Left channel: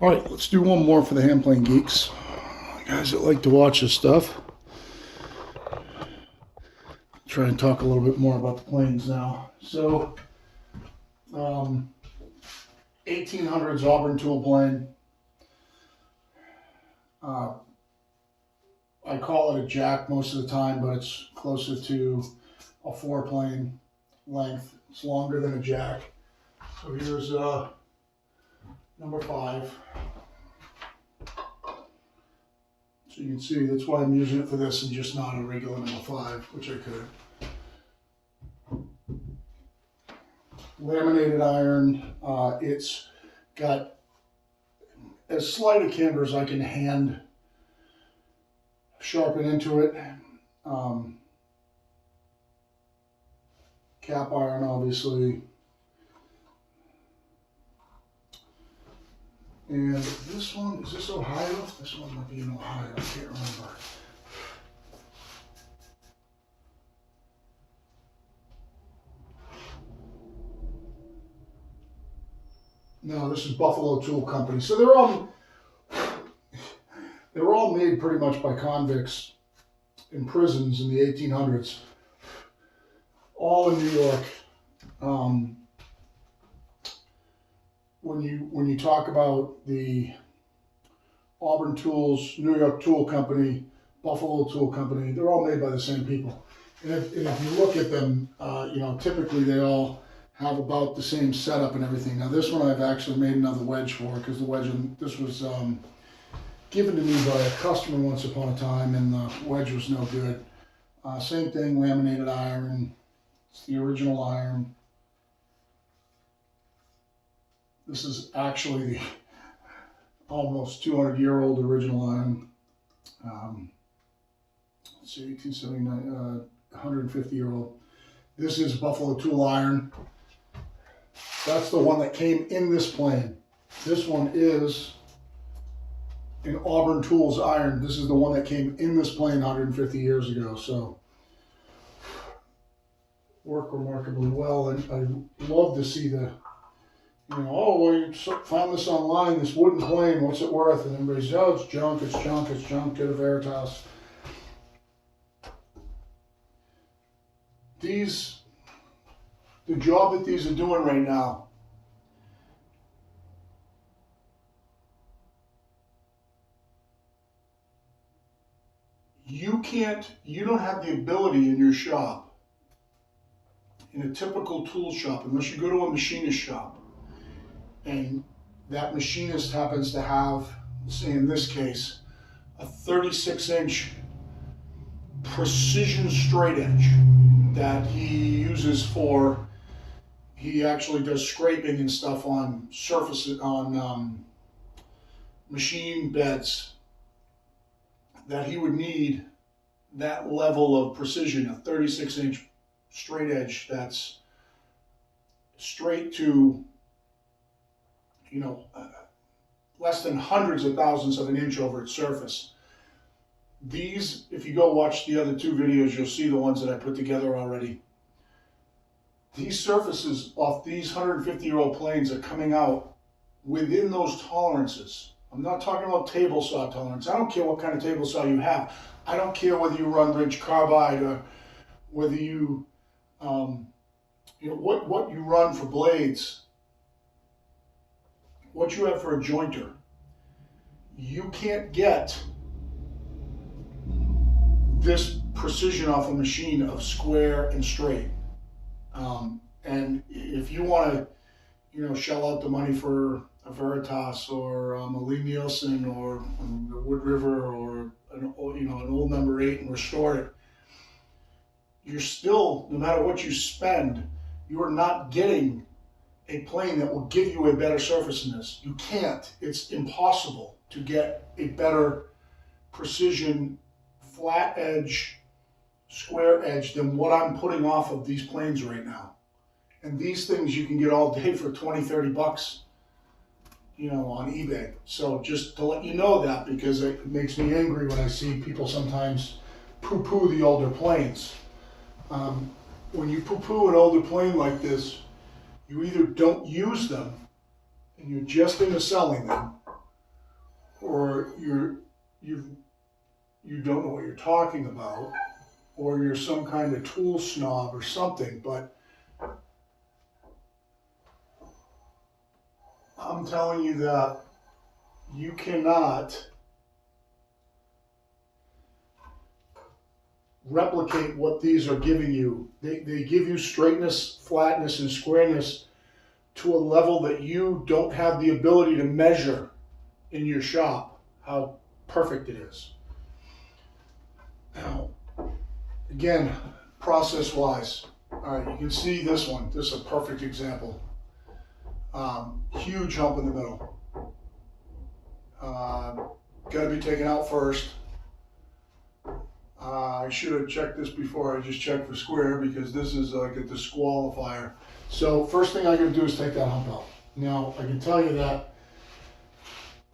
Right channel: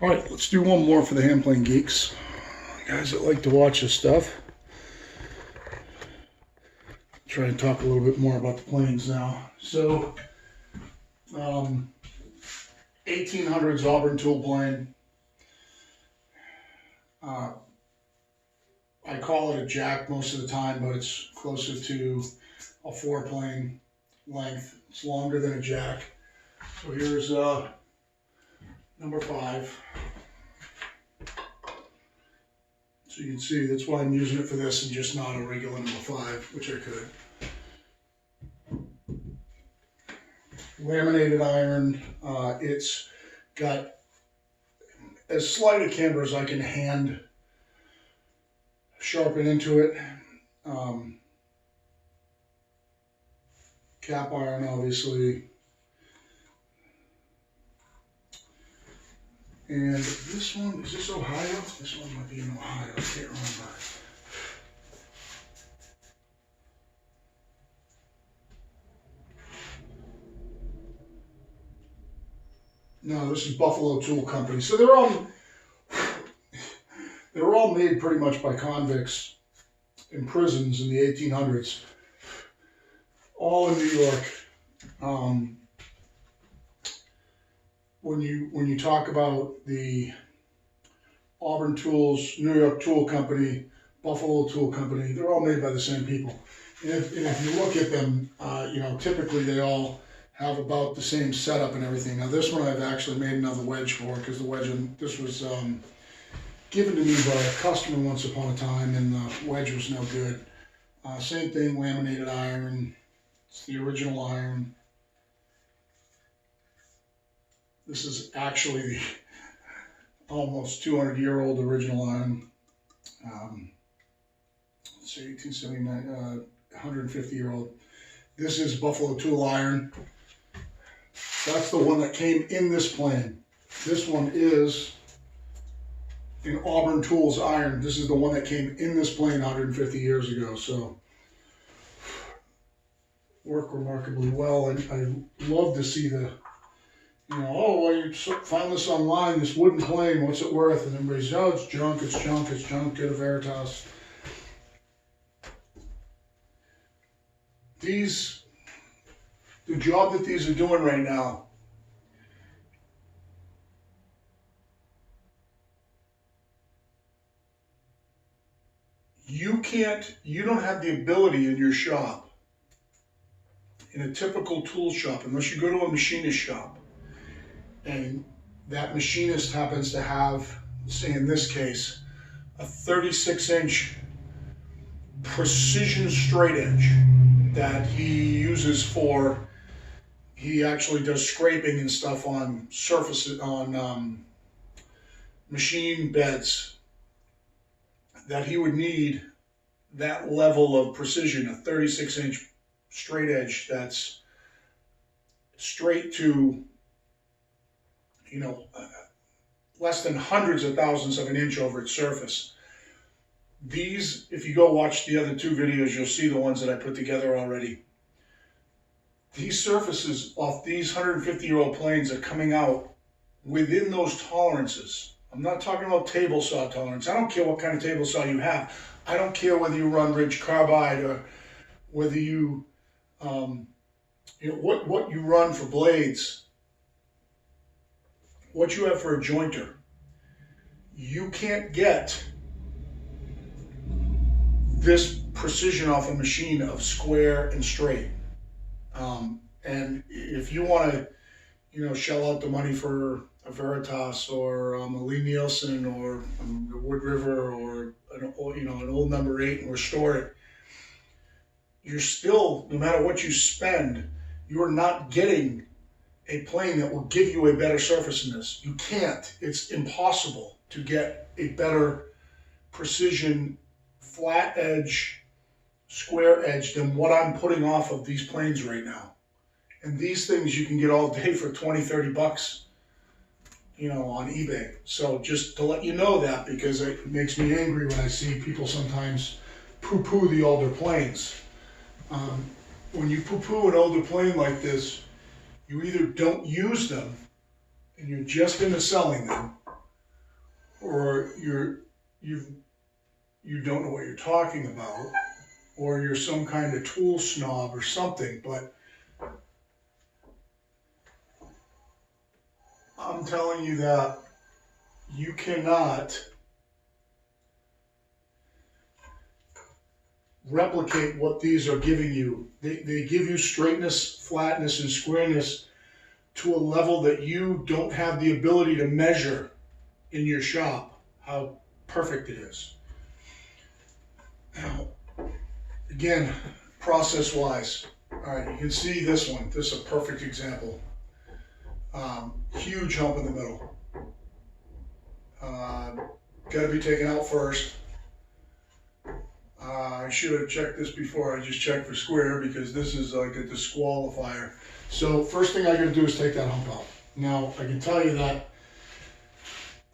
All right, let's do one more for the hand plane geeks. Guys that like to watch this stuff. Try and talk a little bit more about the planes now. So, 1800s Auburn tool plane. I call it a jack most of the time, but it's closer to a four plane length. It's longer than a jack. So here's number 5. So you can see that's why I'm using it for this and just not a regular number 5, which I could. Laminated iron. It's got as slight a camber as I can hand sharpen into it. Cap iron, obviously. And this one, is this Ohio? This one might be in Ohio, I can't remember. No, this is Buffalo Tool Company. So they were all made pretty much by convicts in prisons in the 1800s, all in New York. When you talk about the Auburn Tools, New York Tool Company, Buffalo Tool Company, they're all made by the same people. And if you look at them, typically they all have about the same setup and everything. Now this one I've actually made another wedge for, because the wedge, this was given to me by a customer once upon a time, and the wedge was no good. Same thing, laminated iron. It's the original iron. This is actually the almost 200-year-old original iron. Let's see, 1879, 150-year-old. This is Buffalo Tool iron. That's the one that came in this plane. This one is an Auburn Tools iron. This is the one that came in this plane 150 years ago. So, work remarkably well. And I love to see the, oh, well, you found this online, this wooden plane, what's it worth? And everybody's, oh, it's junk, it's junk, it's junk, get a Veritas. The job that these are doing right now, you don't have the ability in your shop, in a typical tool shop, unless you go to a machinist shop, and that machinist happens to have, say in this case, a 36-inch precision straight edge that he uses for, he actually does scraping and stuff on surfaces, on machine beds, that he would need that level of precision, a 36-inch straight edge that's straight to, less than hundreds of thousandths of an inch over its surface. These, if you go watch the other 2 videos, you'll see the ones that I put together already. These surfaces off these 150-year-old planes are coming out within those tolerances. I'm not talking about table saw tolerance. I don't care what kind of table saw you have. I don't care whether you run Ridge Carbide or whether you, what you run for blades, what you have for a jointer. You can't get this precision off a machine of square and straight. And if you want to, shell out the money for a Veritas or a Lie-Nielsen or the Wood River or an old number 8 and restore it, you're still, no matter what you spend, you are not getting a plane that will give you a better surface than this. You can't. It's impossible to get a better precision flat edge, square edge than what I'm putting off of these planes right now. And these things you can get all day for 20, 30 bucks, on eBay. So just to let you know that, because it makes me angry when I see people sometimes poo-poo the older planes. When you poo-poo an older plane like this, you either don't use them and you're just into selling them, or you don't know what you're talking about, or you're some kind of tool snob or something, but I'm telling you that you cannot replicate what these are giving you. They give you straightness, flatness, and squareness to a level that you don't have the ability to measure in your shop how perfect it is. Now, again, process-wise, all right, you can see this one. This is a perfect example. Huge hump in the middle. Got to be taken out first. I should have checked this before I just checked for square, because this is like a disqualifier. So first thing I gotta do is take that hump out. Now I can tell you that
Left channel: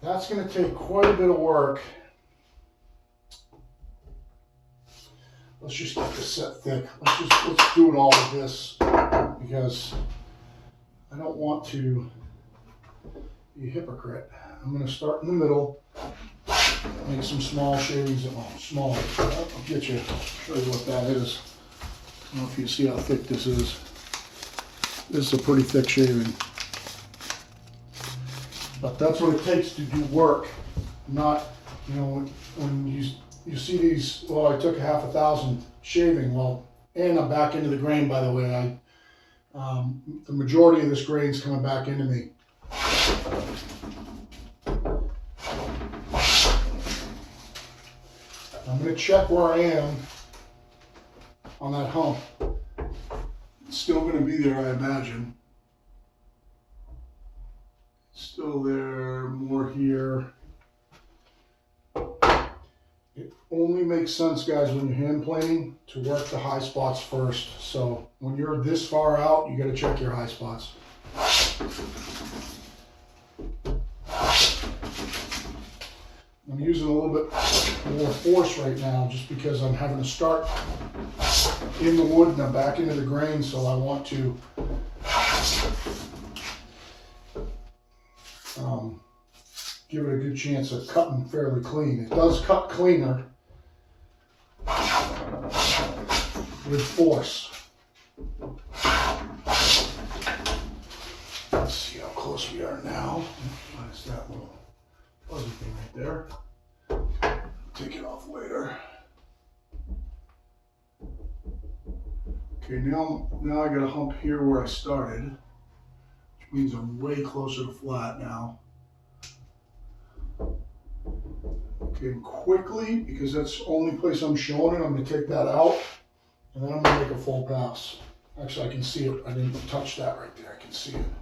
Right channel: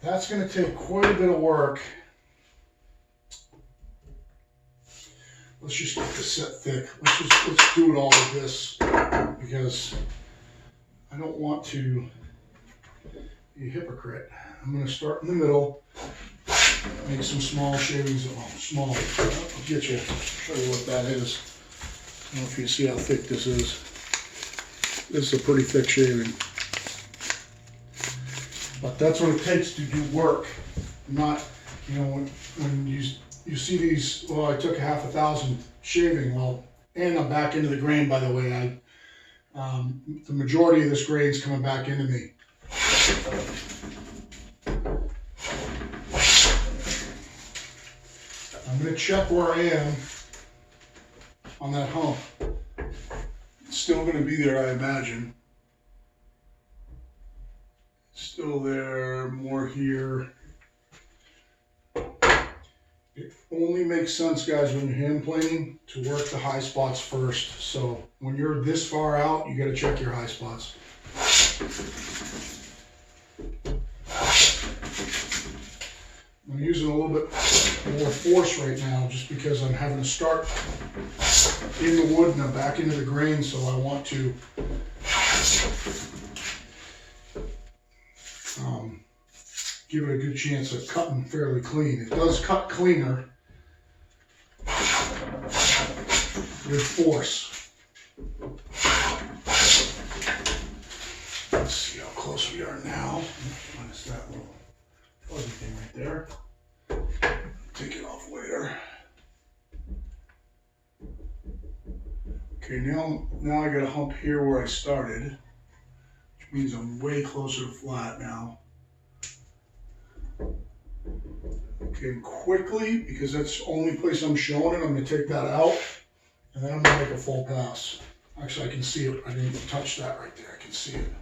that's gonna take quite a bit of work. Let's just get this set thick. Let's do it all with this, because I don't want to be a hypocrite. I'm gonna start in the middle. Make some small shavings. Oh, small. I'll get you. Show you what that is. I don't know if you see how thick this is. This is a pretty thick shaving. But that's what it takes to do work. Not, you know, when you see these. Well, I took 1,000 shaving. Well, and I'm back into the grain. By the way, the majority of this grain's coming back into me. I'm going to check where I am on that hump. It's still going to be there, I imagine. Still there, more here. It only makes sense, guys, when you're hand planing to work the high spots first. So when you're this far out, you got to check your high spots. I'm using a little bit more force right now just because I'm having to start in the wood and I'm back into the grain, so I want to give it a good chance of cutting fairly clean. It does cut cleaner with force. Let's see how close we are now. What is that little fuzzy thing right there? Take it off later. Okay, now I got a hump here where I started, which means I'm way closer to flat now. Okay, quickly, because that's the only place I'm showing it, I'm going to take that out, and then I'm going to make a full pass. Actually, I can see it. I didn't touch that right there. I can see it.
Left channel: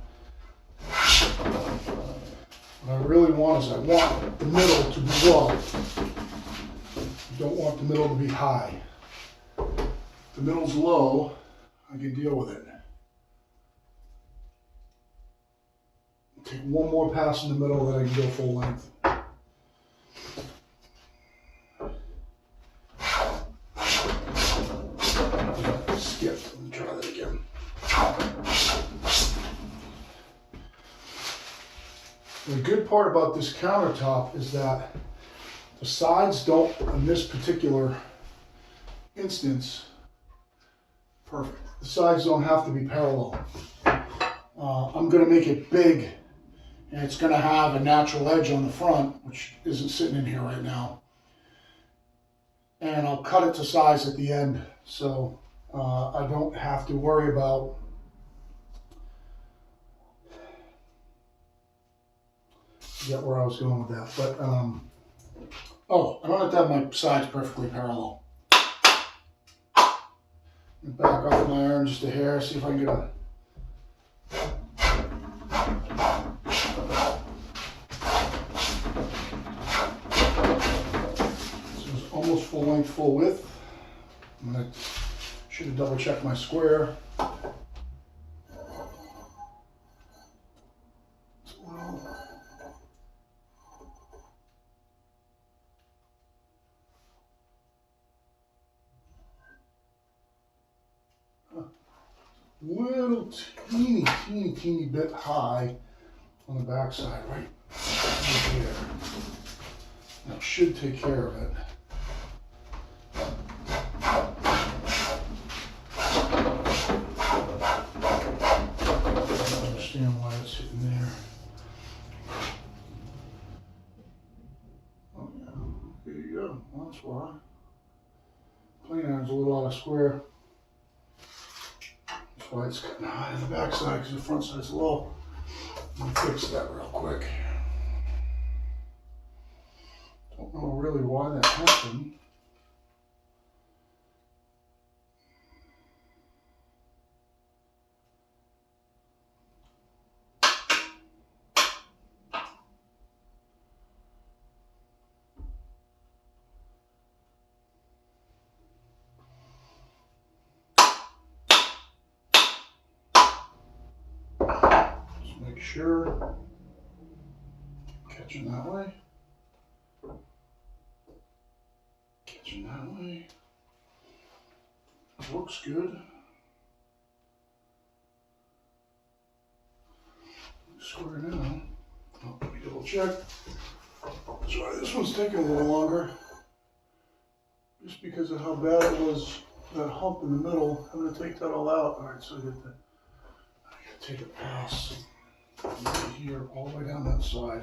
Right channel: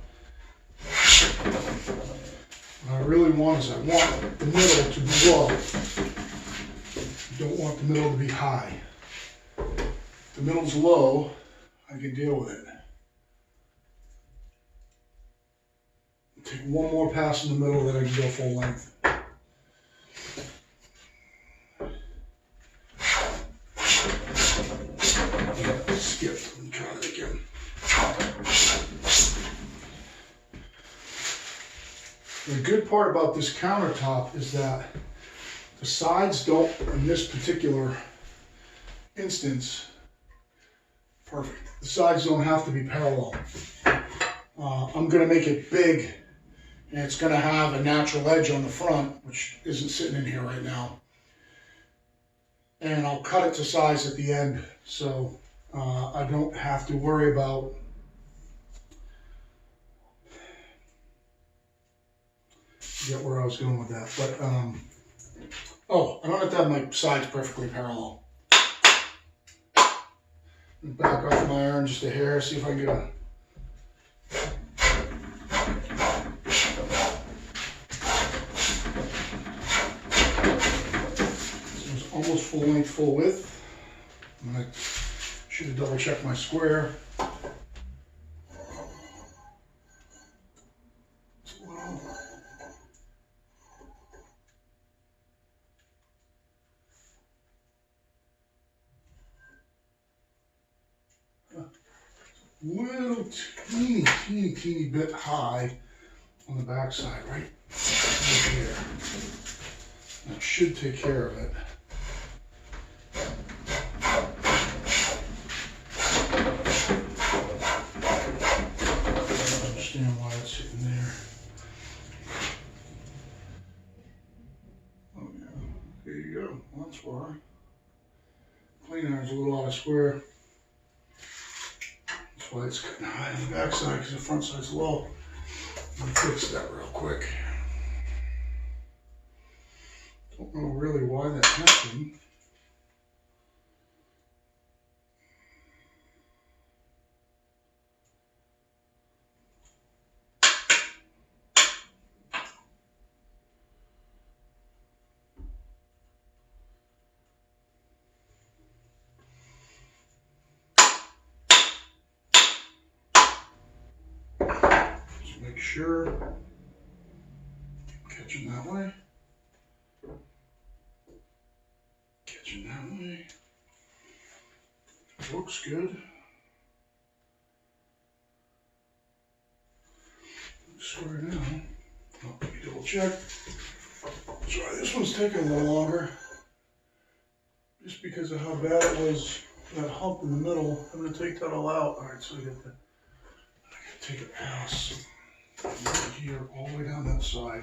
What I really want is I want the middle to be low. I don't want the middle to be high. If the middle's low, I can deal with it. Take one more pass in the middle, then I can go full length. Skipped. Let me try that again. The good part about this countertop is that the sides don't, in this particular instance, perfect. The sides don't have to be parallel. I'm going to make it big, and it's going to have a natural edge on the front, which isn't sitting in here right now. And I'll cut it to size at the end, so I don't have to worry about get where I was going with that. But oh, I don't have to have my sides perfectly parallel. Back off my arm just a hair, see if I can get a almost full length, full width. Should have double checked my square. Little teeny bit high on the back side, right here. should take care of it. Understand why it's sitting there. Oh yeah, there you go. Well, that's why. Clean iron's a little out of square. That's why it's cutting high on the back side, because the front side's low. Let me fix that real quick. Don't know really why that happened. Just make sure. Catching that way. Catching that way. Looks good. Square now. Oh, let me double check. Sorry, this one's taking a little longer. Just because of how bad it was, that hump in the middle. I'm going to take that all out. All right, so I got to take a pass right here all the way down that side.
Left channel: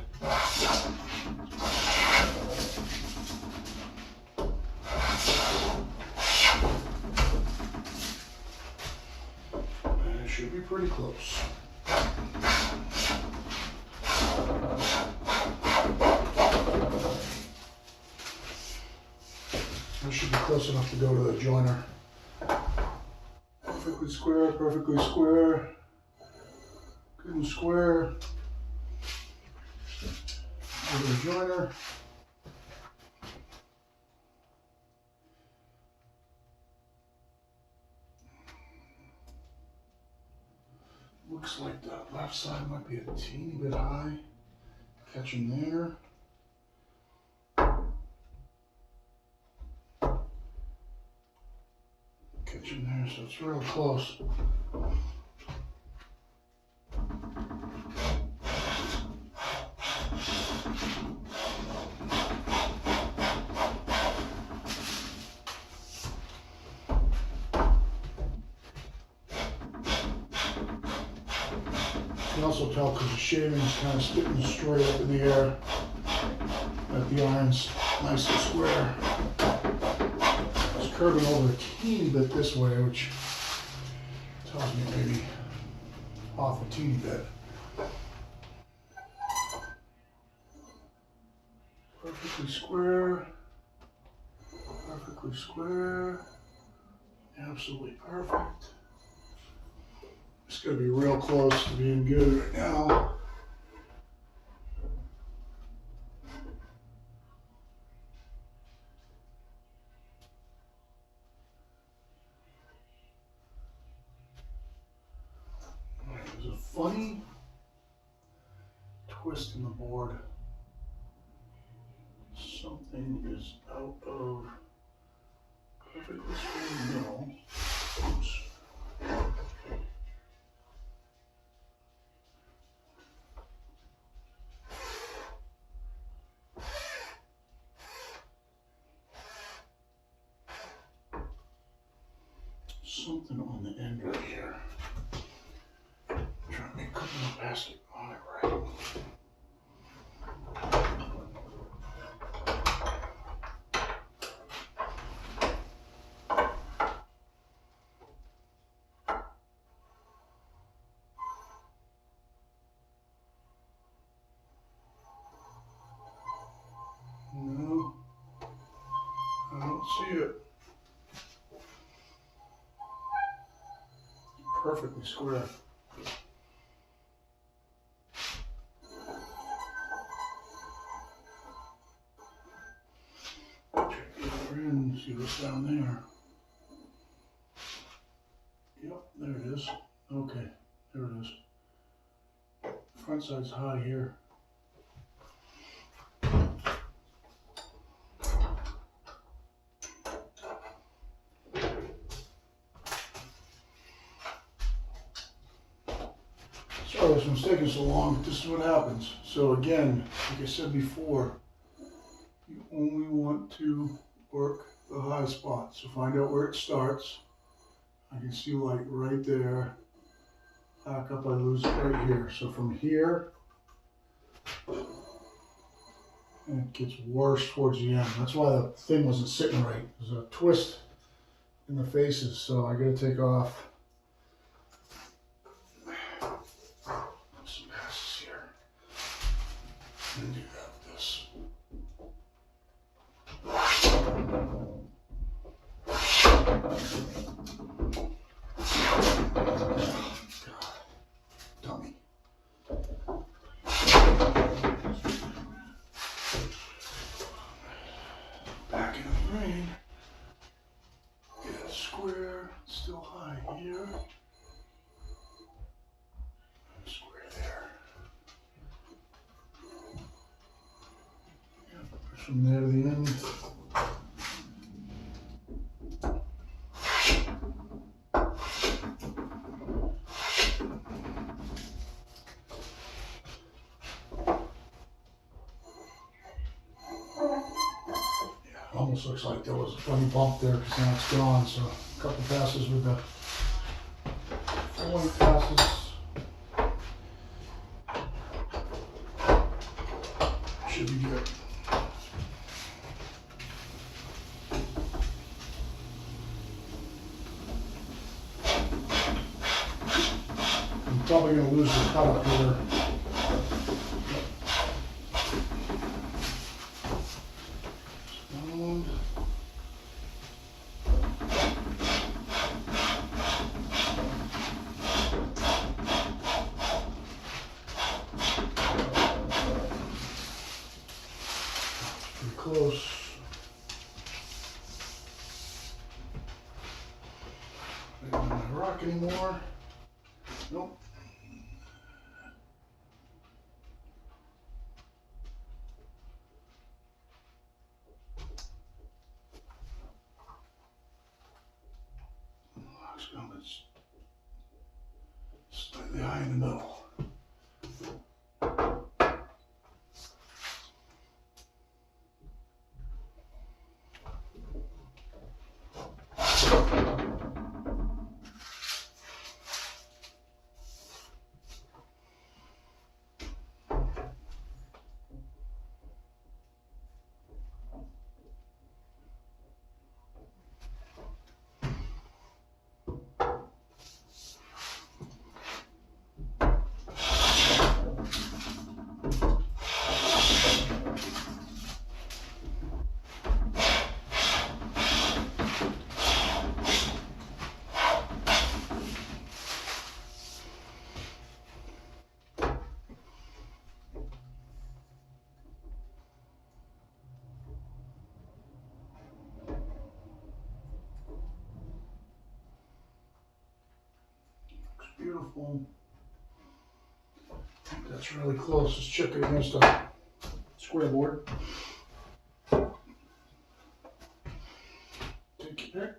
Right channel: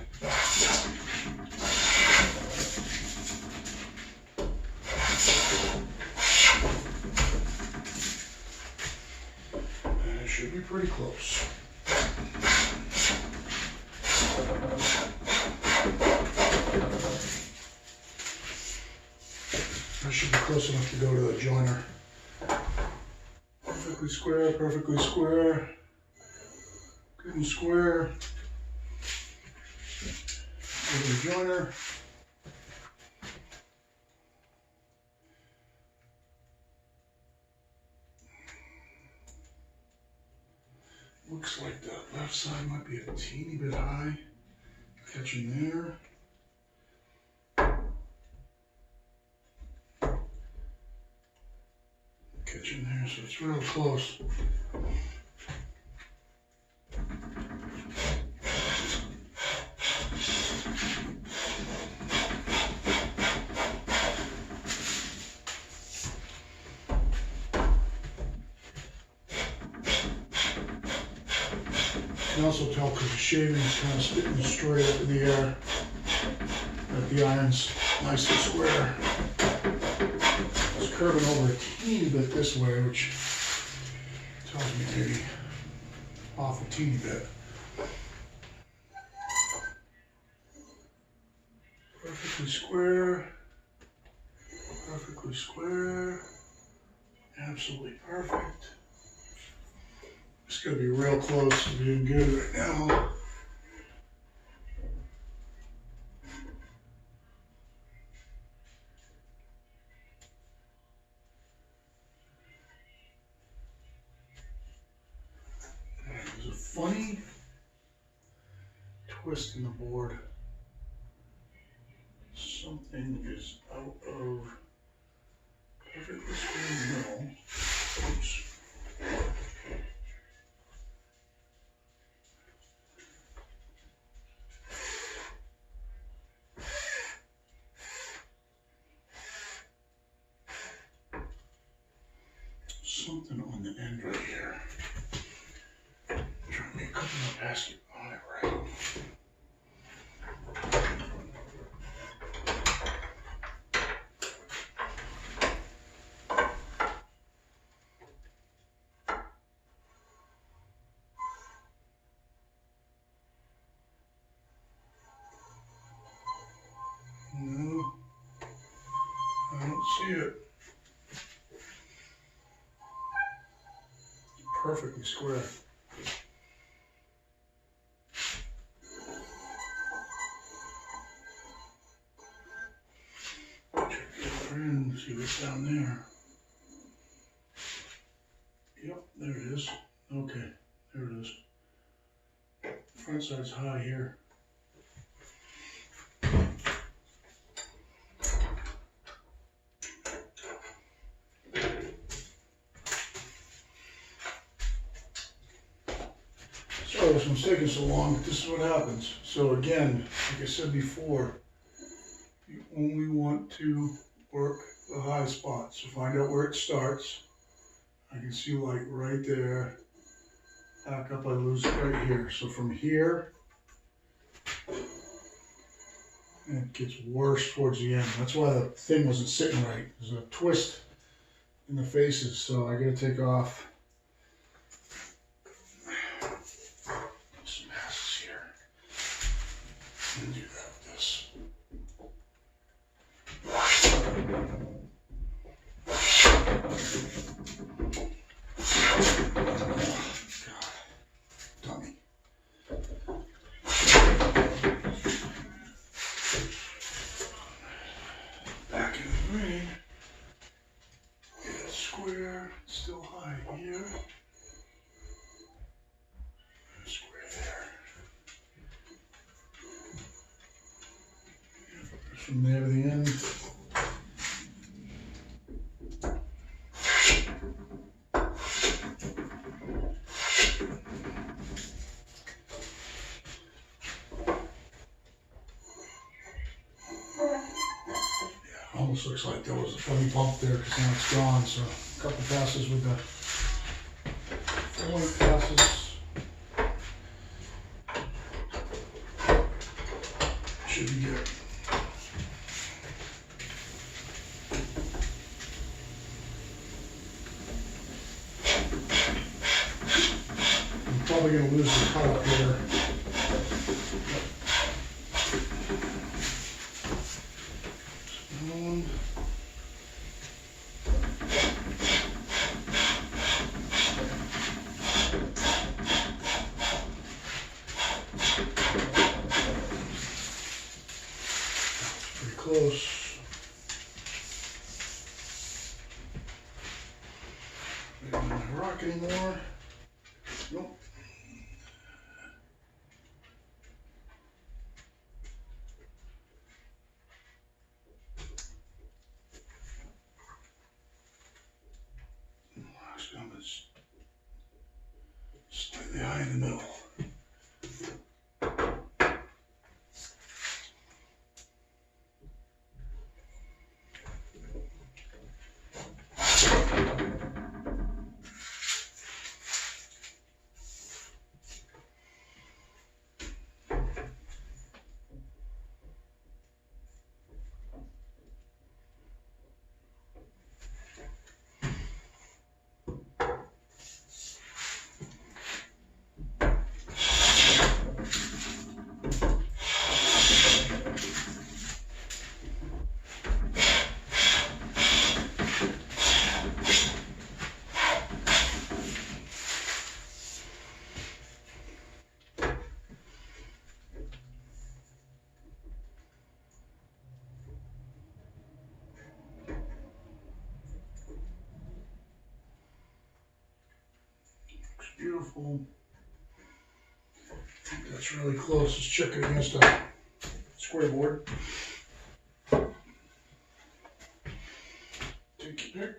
And it should be pretty close. That should be close enough to go to the joiner. Perfectly square, perfectly square. Good and square. Go to the joiner. Looks like that left side might be a teeny bit high. Catching there. Catching there, so it's real close. You can also tell because the shaving's kind of spitting straight up in the air. That the iron's nice and square. It's curving over a teeny bit this way, which tells me maybe off a teeny bit. Perfectly square. Perfectly square. Absolutely perfect. It's going to be real close to being good right now. There's a funny twist in the board. Something is out of perfectly square middle. Oops. Something on the end right here. I'm trying to make a couple more passes on it right. No, I don't see it. Perfectly square. Check the other end, see what's down there. Yep, there it is. Okay, there it is. Front side's high here. Sorry this one's taking so long, but this is what happens. So again, like I said before, You only want to work the high spot. So find out where it starts. I can see light right there. Back up, I lose it right here. So from here, and it gets worse towards the end. That's why the thing wasn't sitting right. There's a twist in the faces, so I gotta take off some passes here. And do that with this. God, dummy. Back in the green. Get a square, still high here. And a square there. Yep. From there to the end. Almost looks like there was a funny bump there because now it's gone. So a couple passes with the 4 passes should be good. I'm probably going to lose the cut up here. Close. Maybe not my rock anymore. Nope. Rock's going slightly high in the middle. Beautiful. That's really close. Let's check it against a square board. Take your pick.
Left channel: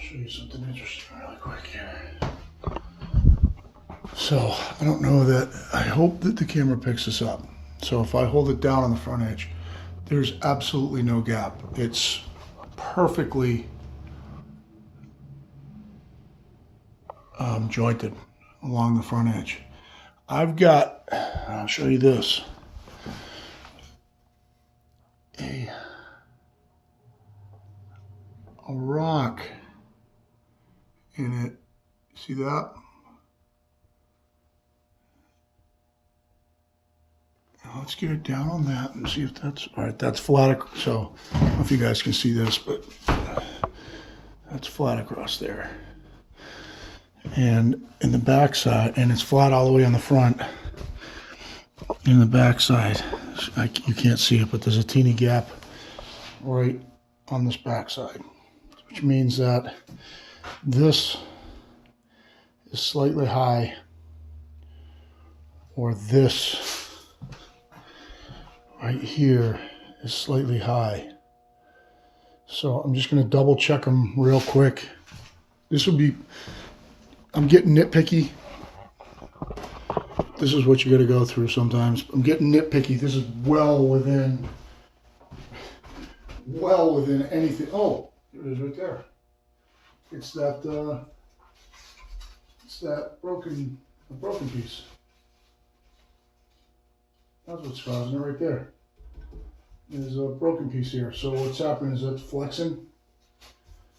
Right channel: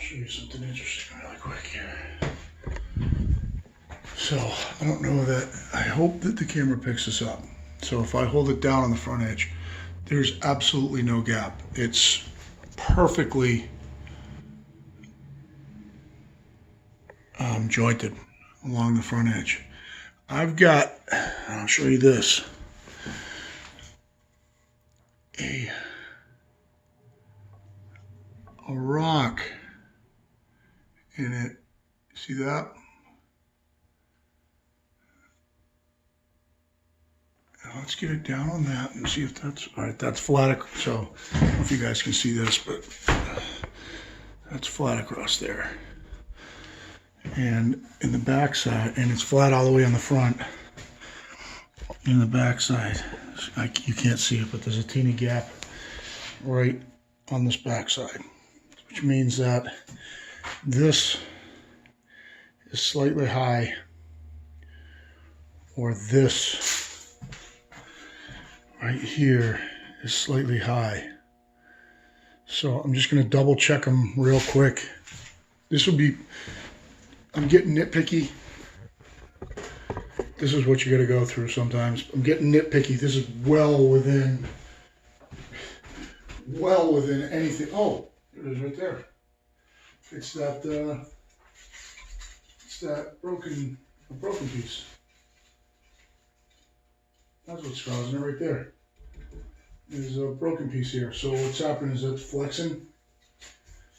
Show you something interesting really quick here. So I don't know that, I hope that the camera picks this up. So if I hold it down on the front edge, there's absolutely no gap. It's perfectly jointed along the front edge. I've got, I'll show you this, a rock in it. See that? let's get it down on that and see if that's, all right, that's flat. So I don't know if you guys can see this, but that's flat across there. And in the back side, and it's flat all the way on the front. In the back side, you can't see it, but there's a teeny gap right on this back side, which means that this is slightly high, or this right here is slightly high. So I'm just going to double check them real quick. This would be, I'm getting nitpicky. This is what you got to go through sometimes. I'm getting nitpicky. This is well within anything. Oh, it is right there. It's that broken piece. That's what's causing it right there. There's a broken piece here. So what's happening is it's flexing.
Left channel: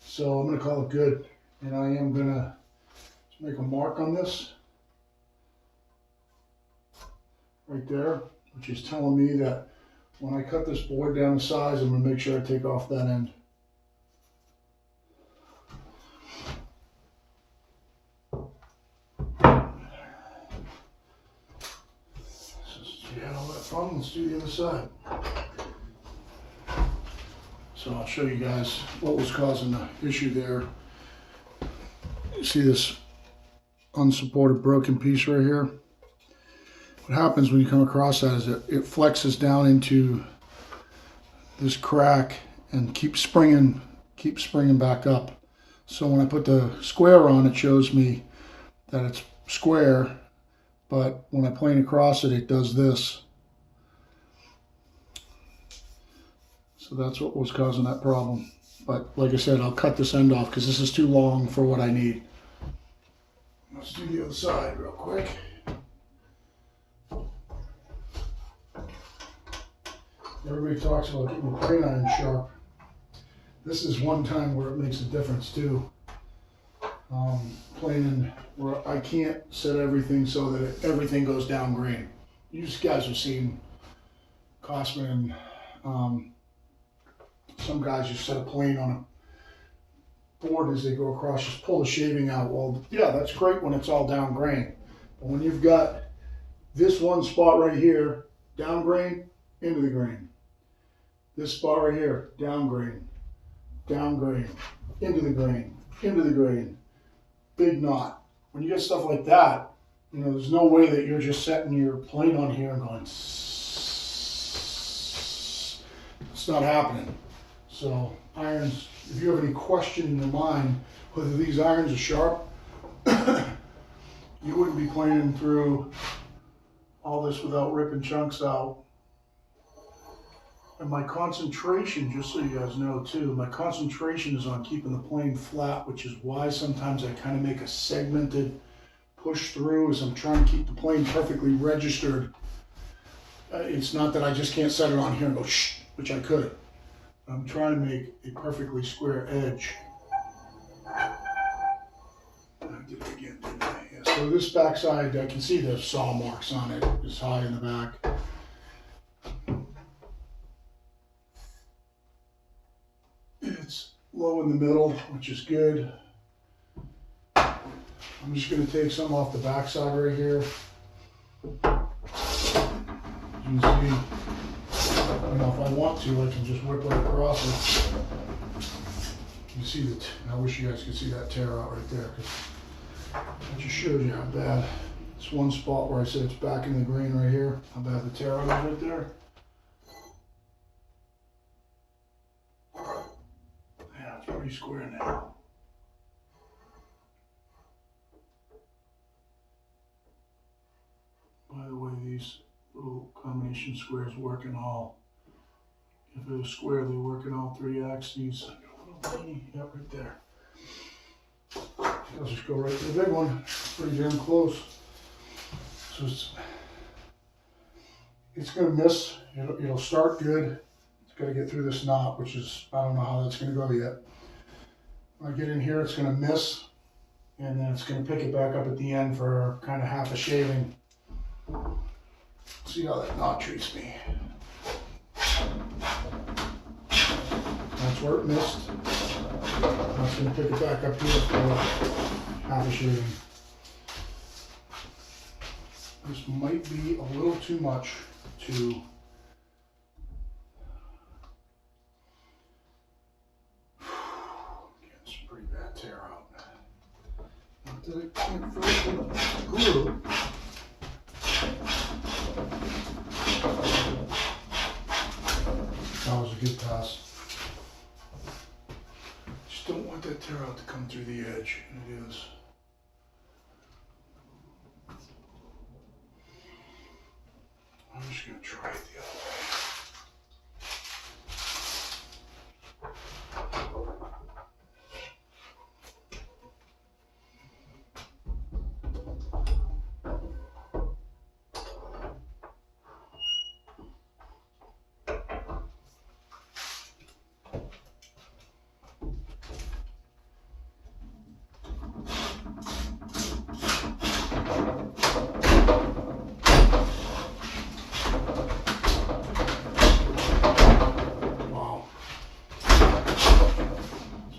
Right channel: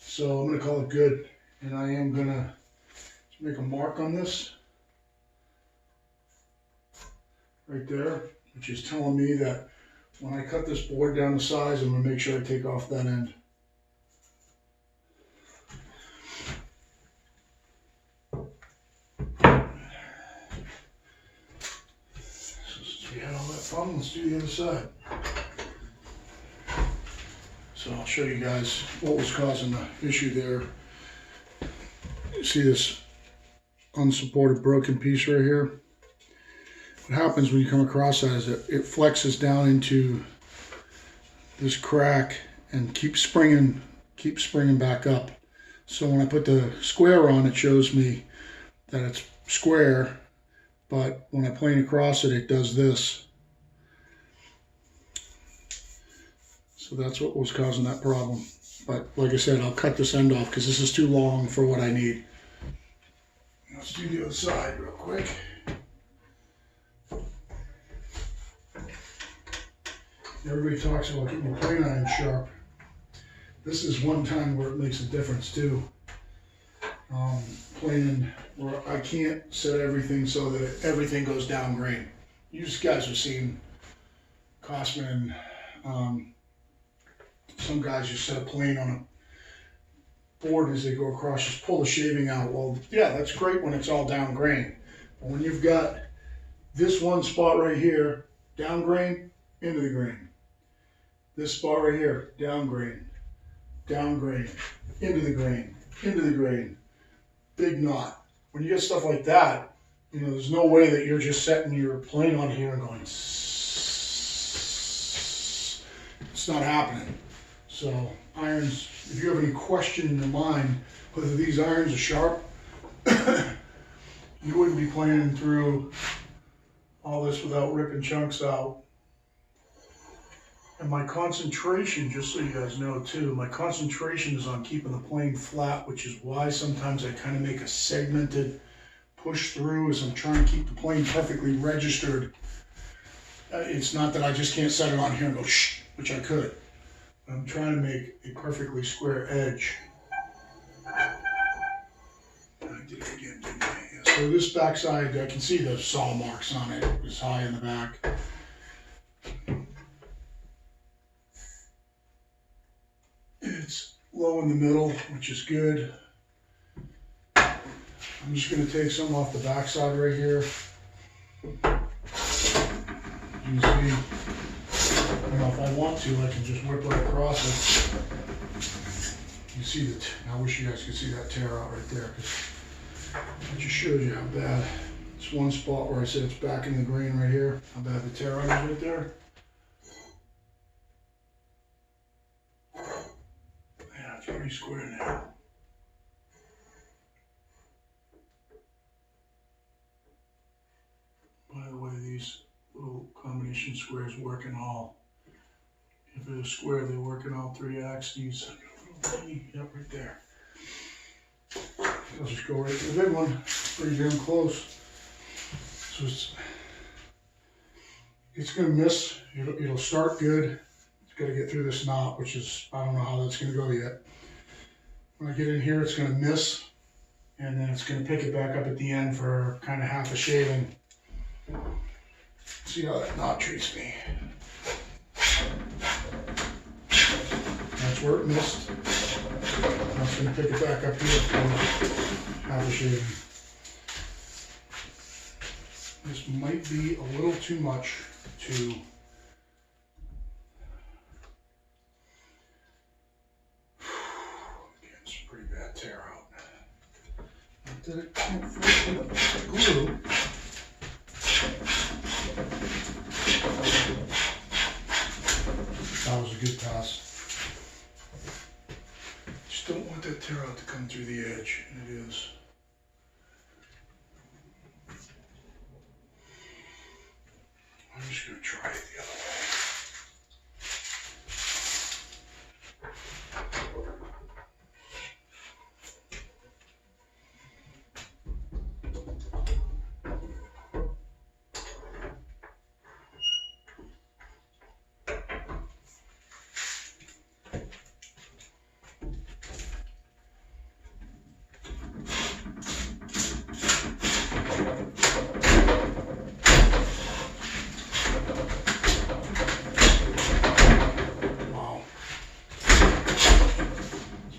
So I'm gonna call it good, and I am gonna make a mark on this right there, which is telling me that when I cut this board down to size, I'm gonna make sure I take off that end. We had all that fun, let's do the other side. So I'll show you guys what was causing the issue there. You see this unsupported broken piece right here? What happens when you come across that is it flexes down into this crack and keeps springing back up. So when I put the square on, it shows me that it's square, but when I plane across it, it does this. So that's what was causing that problem. But like I said, I'll cut this end off because this is too long for what I need. Let's do the other side real quick. Everybody talks about getting your plane iron sharp. This is one time where it makes a difference too. Planing where I can't set everything so that everything goes down grain. You guys have seen Cosman and some guys just set a plane on a board as they go across, just pull the shaving out. Well, yeah, that's great when it's all down grain. But when you've got this one spot right here, down grain, into the grain. This spot right here, down grain, into the grain, big knot. When you get stuff like that, you know, there's no way that you're just setting your plane on here and going, it's not happening. So irons, if you have any question in your mind whether these irons are sharp, you wouldn't be planing through all this without ripping chunks out. And my concentration, just so you guys know too, my concentration is on keeping the plane flat, which is why sometimes I kind of make a segmented push through as I'm trying to keep the plane perfectly registered. It's not that I just can't set it on here and go shh, which I could. I'm trying to make a perfectly square edge. I did it again, didn't I? Yeah. So this backside, I can see the saw marks on it. It's high in the back. It's low in the middle, which is good. I'm just going to take some off the backside right here. You can see, you know, if I want to, I can just whip right across it. You see that? I wish you guys could see that tear out right there, because that just shows you how bad. It's one spot where I said it's back in the grain right here. How bad the tear out is right there. Yeah, it's pretty square now. By the way, these little combination squares work in all. If they're square, they work in all three axes. Yep, right there. I'll just go right to the big one. Pretty damn close. So it's gonna miss. It'll start good. It's got to get through this knot, which is, I don't know how that's gonna go yet. When I get in here, it's gonna miss, and then it's gonna pick it back up at the end for kind of half a shaving. See how that knot treats me. That's where it missed. I'm just going to pick it back up here for half a shaving. This might be a little too much to get some pretty bad tear out. Not that it can't fit with glue. That was a good pass. Just don't want that tear out to come through the edge, and it is. I'm just going to try it the other way.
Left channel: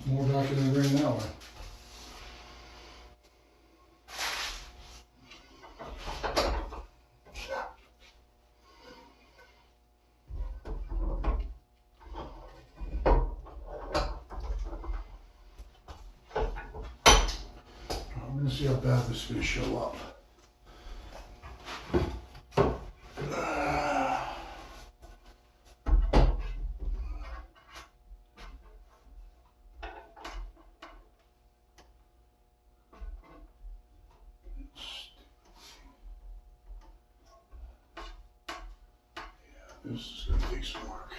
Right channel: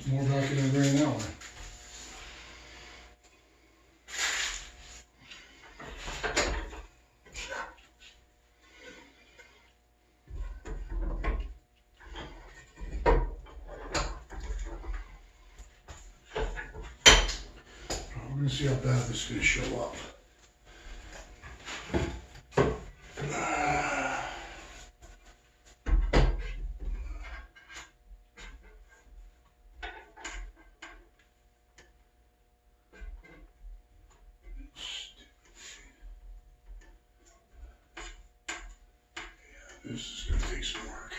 More back in the grain that way. We're going to see how bad this is going to show up. This is going to take some work.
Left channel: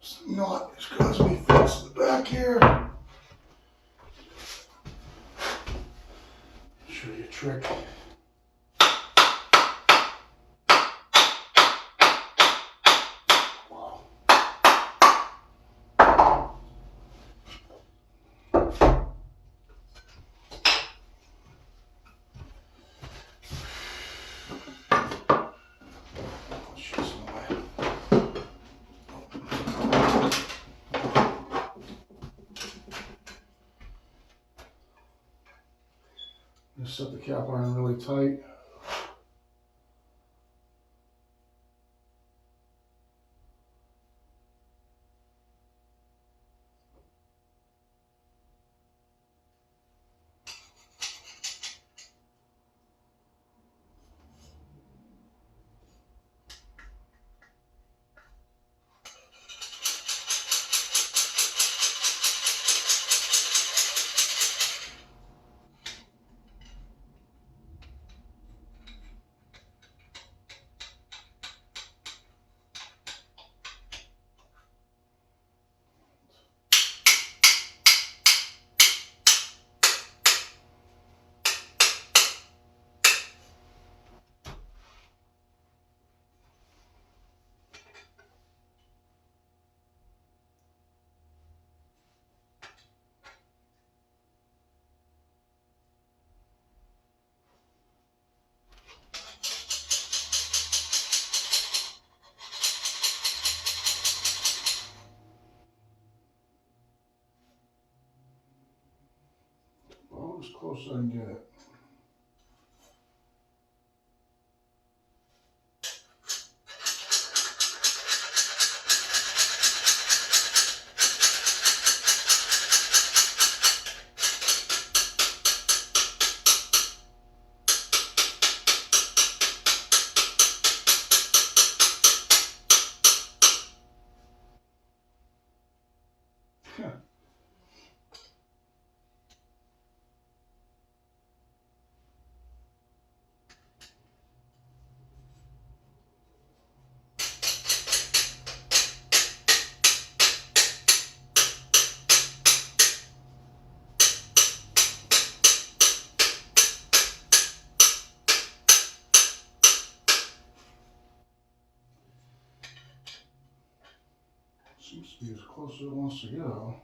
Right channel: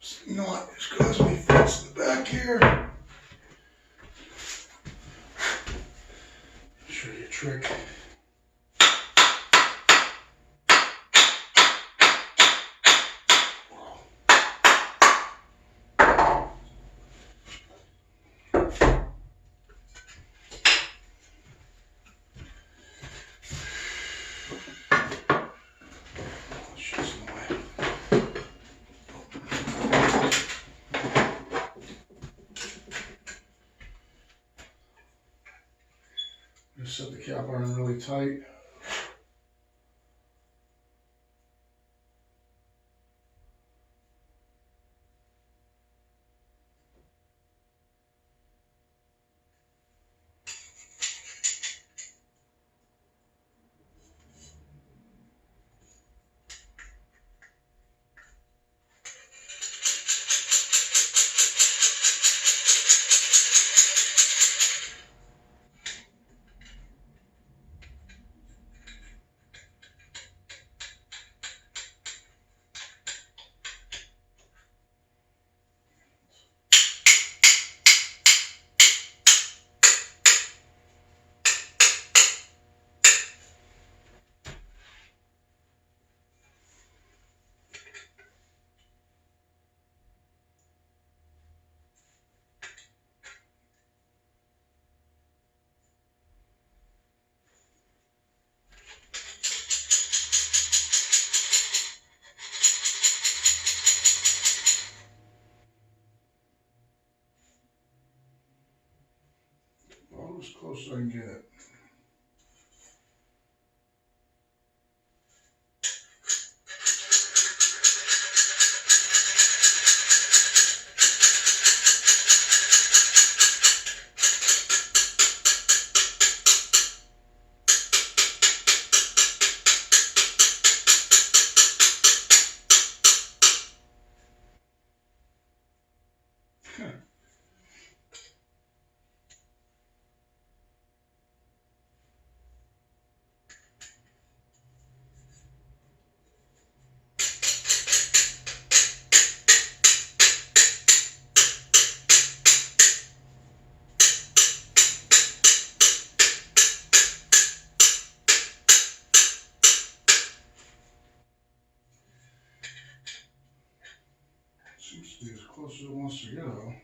This knot is causing me fits in the back here. I'll show you a trick. Just set the cap iron really tight. As close as I can get it. be as close as it wants to go.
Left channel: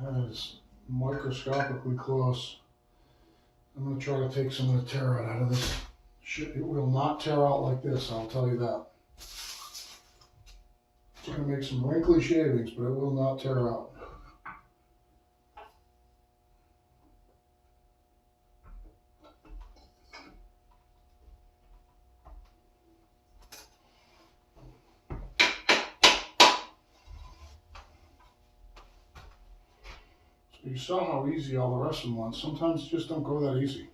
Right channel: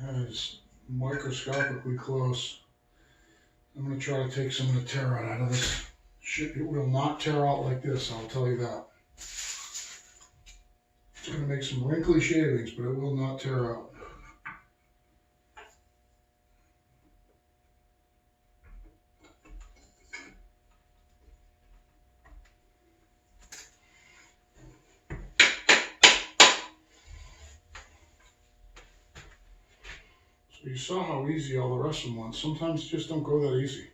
That is microscopically close. I'm going to try to take some of the tear out of this. Shit, it will not tear out like this, I'll tell you that. It's going to make some wrinkly shavings, but it will not tear out. So you saw how easy all the rest of them went. Sometimes just don't go that easy.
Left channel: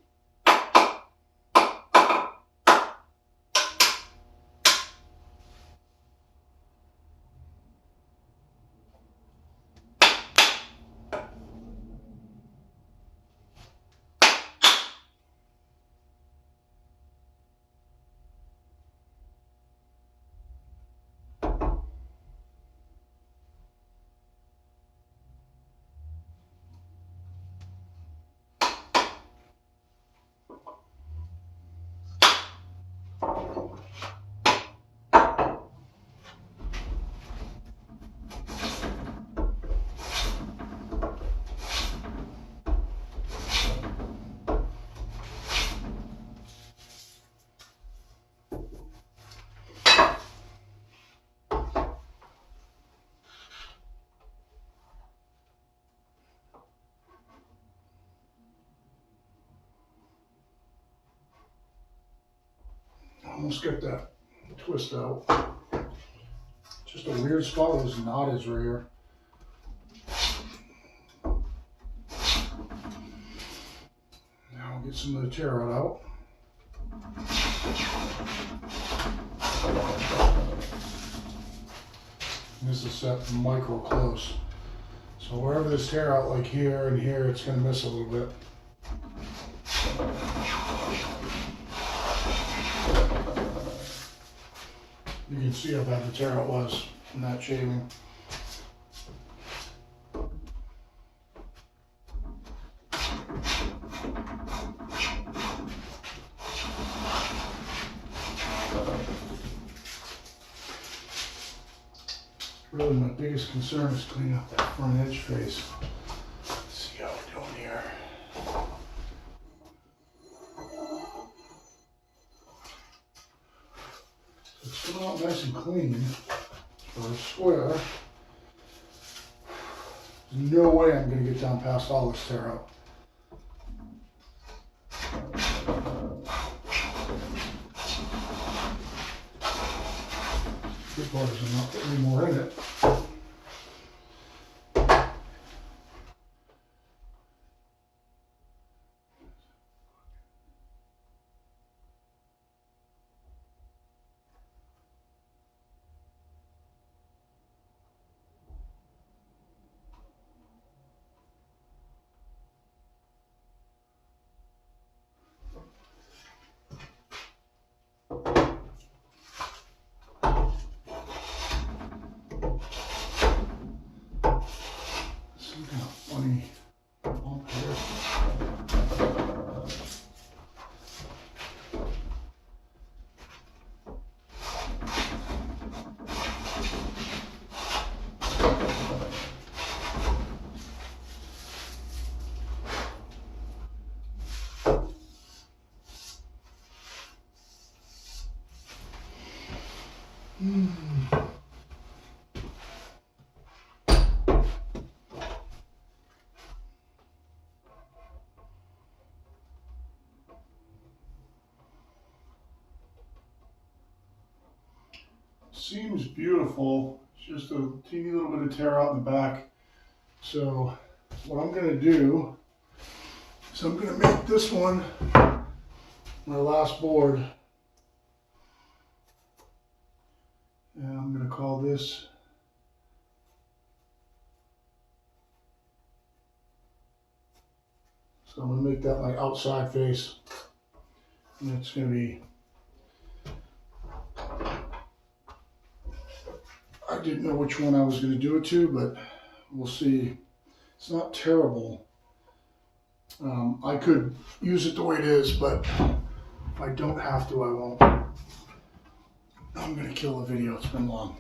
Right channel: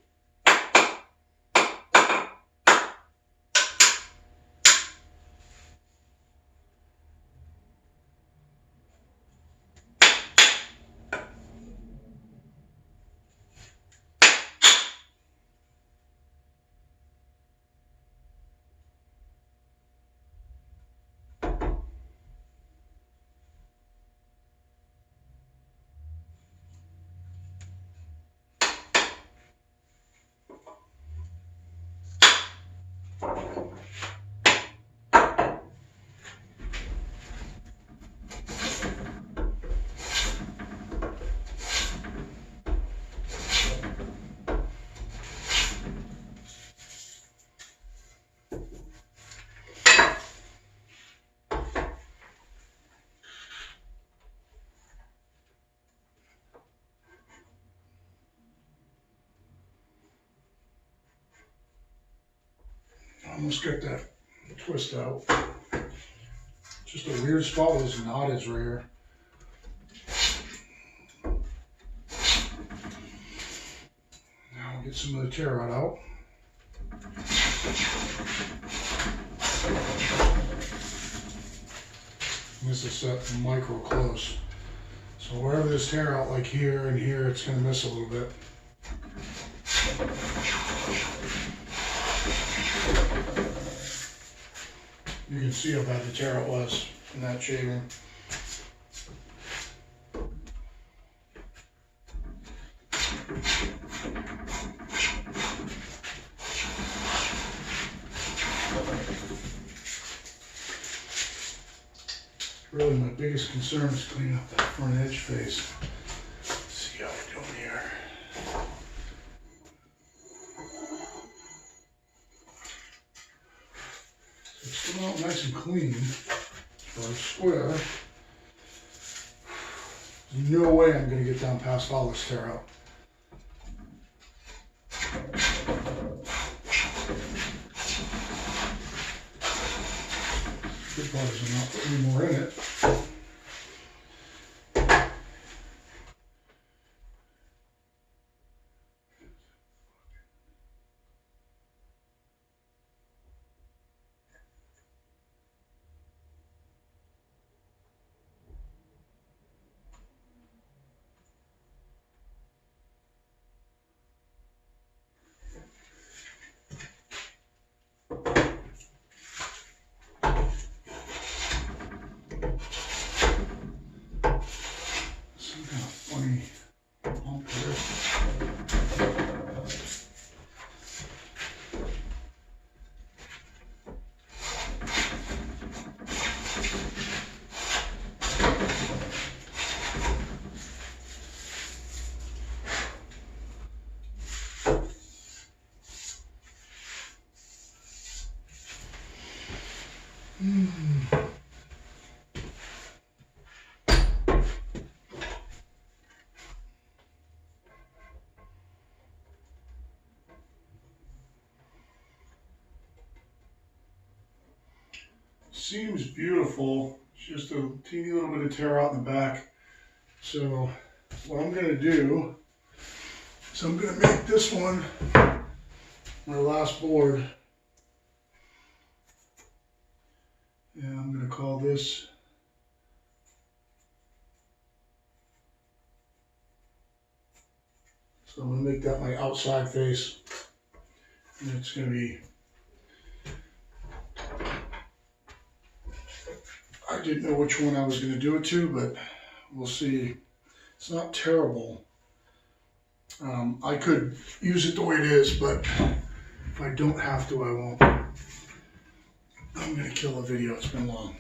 Almost get that twist out. Just a weird spot where this knot is right here. Now we'll get some of the tear rod out. This is set micro close. So wherever there's tear out, like here and here, it's going to miss a little bit. You can see how bad the tear out was in that shaving. Really, my biggest concern is cleaning up that front edge face. Let's see how we're doing here. So it's coming out nice and clean for a square. There's no way I'm going to get down past all this tear out. Good part is I'm not putting any more in it. Some kind of funny bump here. Seems beautiful, it's just a teeny little bit of tear out in the back. So what I'm going to do is I'm going to make this one my last board. And I'm going to call this so I'm going to make that my outside face. And it's going to be I didn't know which one I was going to do it to, but we'll see. It's not terrible. I could use it the way it is, but if I don't have to, I won't. I'm going to kill the video. It's been long.